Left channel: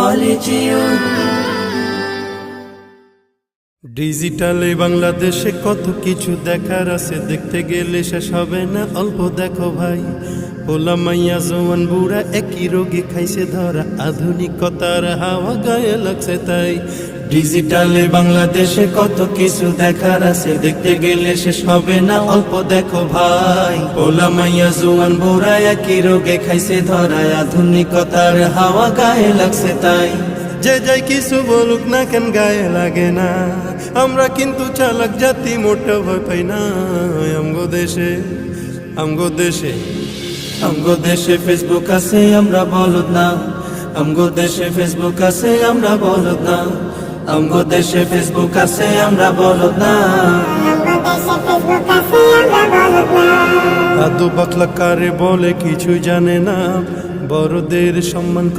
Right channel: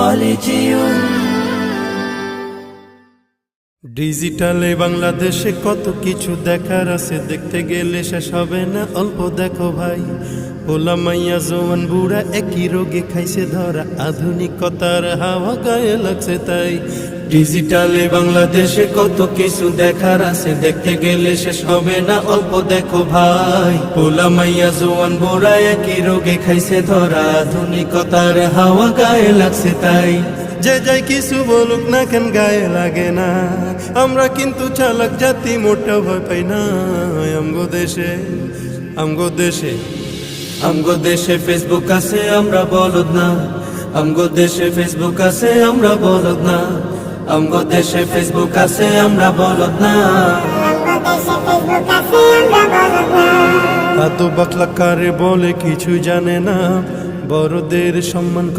খলিজিউন। ডিজিটালে বাংলাদেশে কত কিছু দেখার আছে, দেখতে গেলে শেষ হবে না, অল্প দেখো ভাই। পোলা মাইয়া জওয়ান বুড়া একই রোগে খাইছে ধরা, আধুনিকতার হাওয়া গায়ে লাগছে তাই। ডিজিটালে বাংলাদেশে কত কিছু দেখার আছে, দেখতে গেলে শেষ হবে না, অল্প দেখো ভাই। পোলা মাইয়া জওয়ান বুড়া একই রোগে খাইছে ধরা, আধুনিকতার হাওয়া গায়ে লাগছে তাই। যে যাই কিছু বলুক না কেন গায়ে লাগে না, আমরা কিন্তু চালাক জাতি, মোটা ভয় পাই না। আমগো দেশে আমগো দেশে আমগো দেশে ফেসবুক আছে, আমরা বলদ না। আমগো দেশে ফেসবুক আছে, আমরা বলদ না। আমগো দেশে ফেসবুক আছে, আমরা বলদ না। আদো বাকলা কারে বলে কিছু জানে না, বড়দের সম্মান